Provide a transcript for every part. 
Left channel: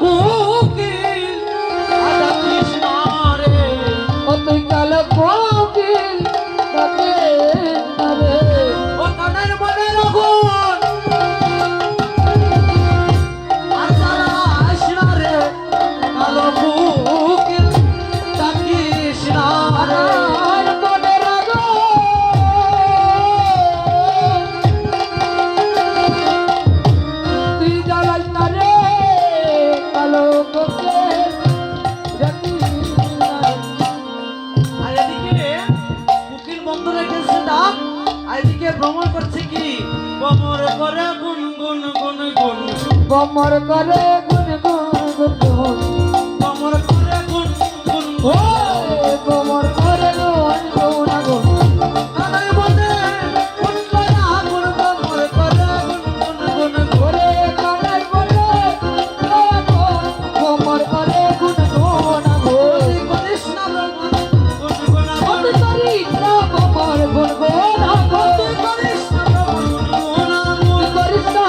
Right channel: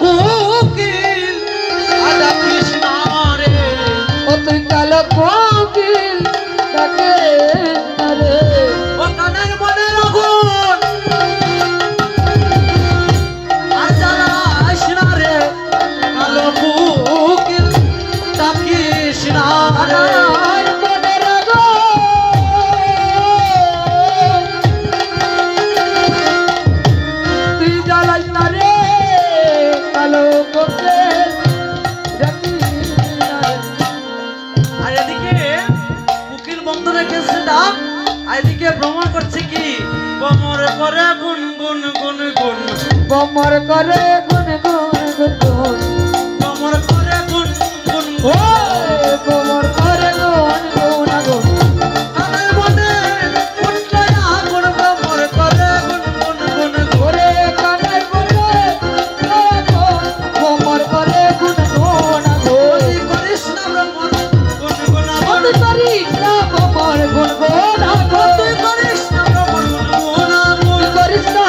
কোকিল আদা কৃষ্ণ রে ও তুই কালো কোকিল ডাকে রে ও কানার মনে রঘুন আর জ্বালাস না রে কালো কোকিল ডাকিস না রে আর এদিকে কোকিল বন্ধ রেখেছে ডাক আর এদিকে ভ্রমণ করছে কি কোমর করে গুন গুন গুন গুন কমর করে গুন গুন গুন গুন কোমর করে গুন গুন ও কমর করে গুন গুন গুন কানের মনে উঠলাই আগুন কোমর করে গুন গুন গুন গুন ওরে কানের বলে কমর করে গুন গুন গুন ওই করিস না ভ্রমণ গুন গুন গুন তুই করিস না কমর গুন গুন গুন তুই করিস না ভ্রমণ গুন গুন তুই করিস না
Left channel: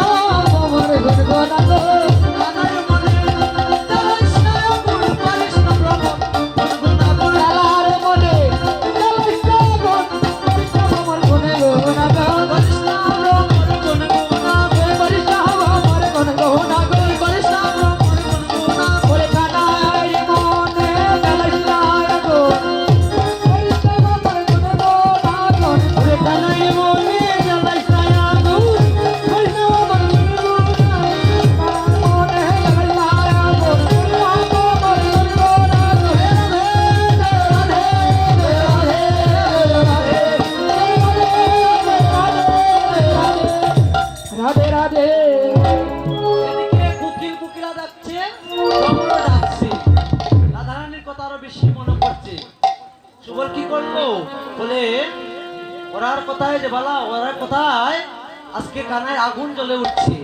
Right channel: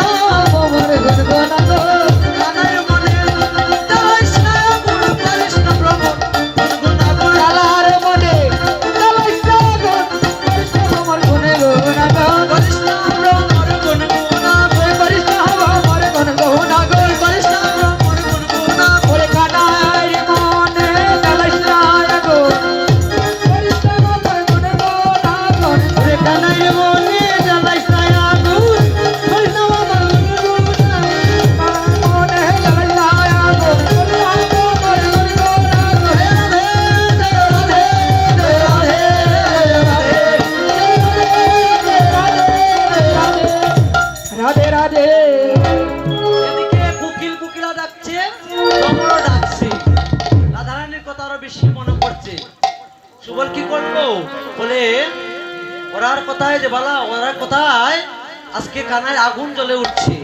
কমর গুন গুন গুন কানের মনে উঠলাইস না আগুন করিস না ভ্রমণ গুন গুন গুন কালার মনে কালাইস না গুন করিস না কমর গুন গুন গুন করিস না ভ্রমণ গুন গুন গুন করিস না কমর গুন গুন গুন করিস না ভ্রমণ গুন গুন গুন ওরে কানার মনে কালাইস না গুন করিস না কমর গুন গুন গুন ওরে কানাই মনে জ্বালাইস না আগুন করিস না ভ্রমণ গুন গুন মনে কালাইস না গুন কমর গুন গুন রাধে রাধে এদিকে কোকিল কোকিলা ডাকছে ভ্রমরও ডাকছে রাধারানীর কথা আরো বেশি মনে পড়ছে সুবল কি করলো বলে ওরার কথায় যে বলা ওরার কথায় আজকে কানায় আগুন জ্বলে উঠছে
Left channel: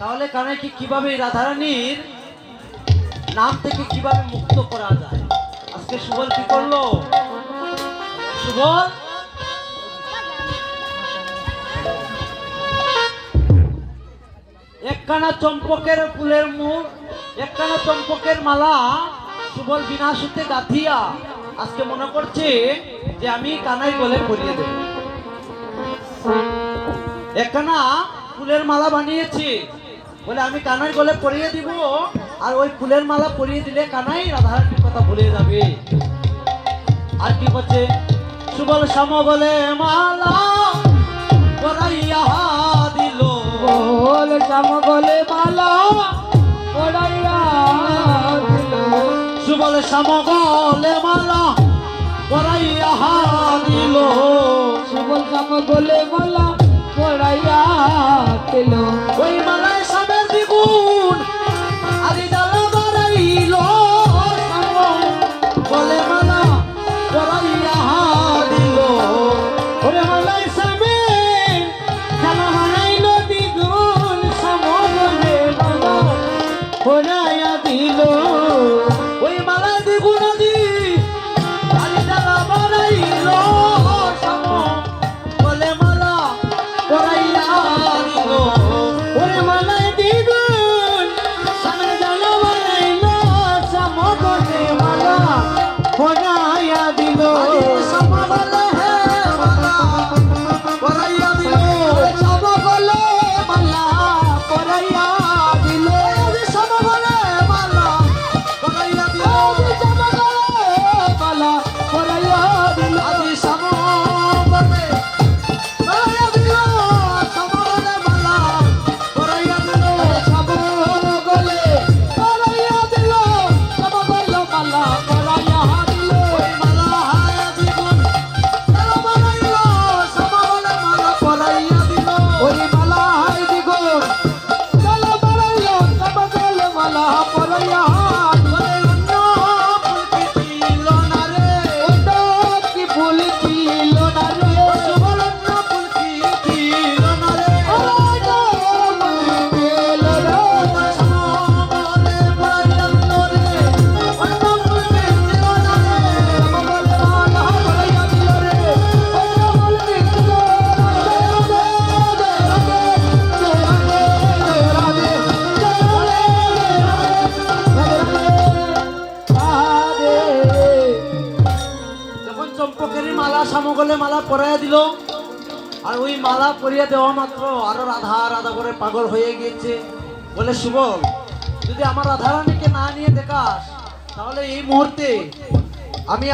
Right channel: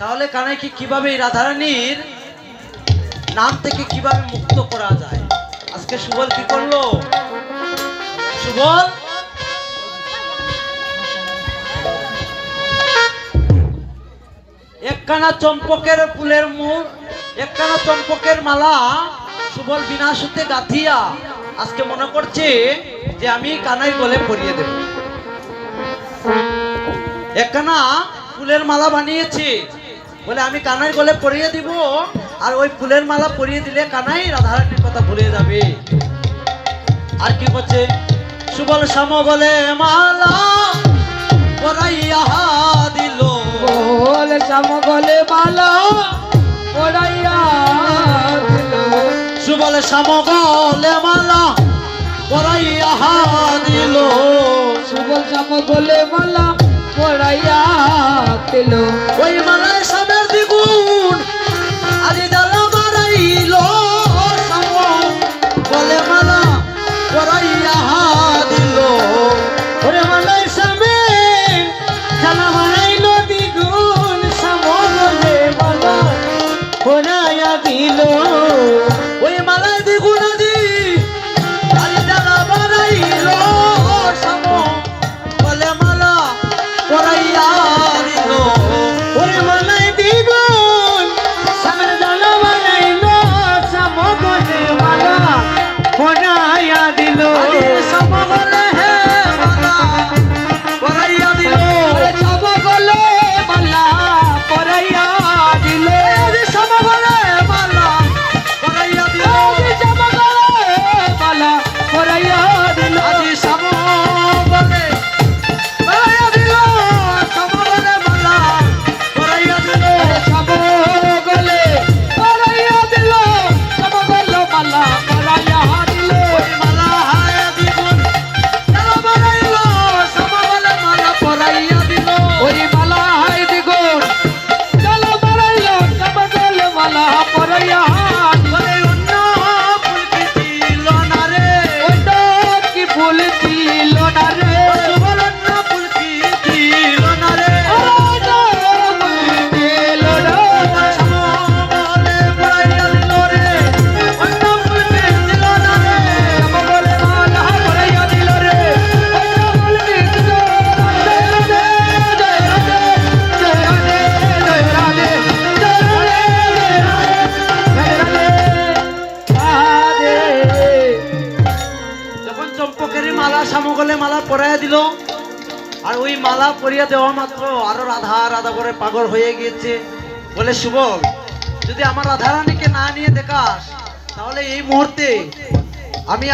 তাহলে কানায় কি কিভাবে এই রাধারানীর নাম থেকে কিভাবে মুক্ত করা যায় আজকে সুবল কি করলো সুবল একখানা চম্পকের ফুলের মুখ একখানা চম্পকের মালা সুবল বিনাশুতে গাঁথিয়া আজকে মনে করছে যে আমি কানাই গলে পরিয়ে দেব একখানা ফুলের মালা বানিয়েছে বলে আমি কানাই গলে পরিয়ে দিব আর ওই ফুলের মালা পরিয়ে দিলে কানাই রাধারানীর কথা ভুলে যাবে আর কি করছে সুবল শ্যাম বলে মালা পরাইয়া দিল বল সমগলে মালা ওড়াইয়া দিল সুবল শ্যামগলে মালা পরাইয়া দিল সুবল সমগলে মালা ওড়াইয়া দিল ওই মালায় সামের দ্বিগুণ আদি জ্বালা বাড়াইল শ্যাম গলে মালা পরাইয়া দিল ওরে মালায় সামে জ্বালা বাড়াইল দ্বিগুণ শ্যাম গলে মালা পরাইয়া দিল ওই মালায় দ্বিগুণ আদি আদি জ্বালা বাড়াইল শ্যাম গলে মালা পরাইয়া দিল ওরে মালা সামগলে মালা পরাইয়া দিল। আর ওই মালা পরিয়ে দেওয়া মাত্র আরো রাধা রাধা করে পাগল হয়ে গিয়েছে। বলে সুবল, যদি আমার রাধারানীকে না নিয়ে দেখাস তাহলে এই মুহূর্তে আমি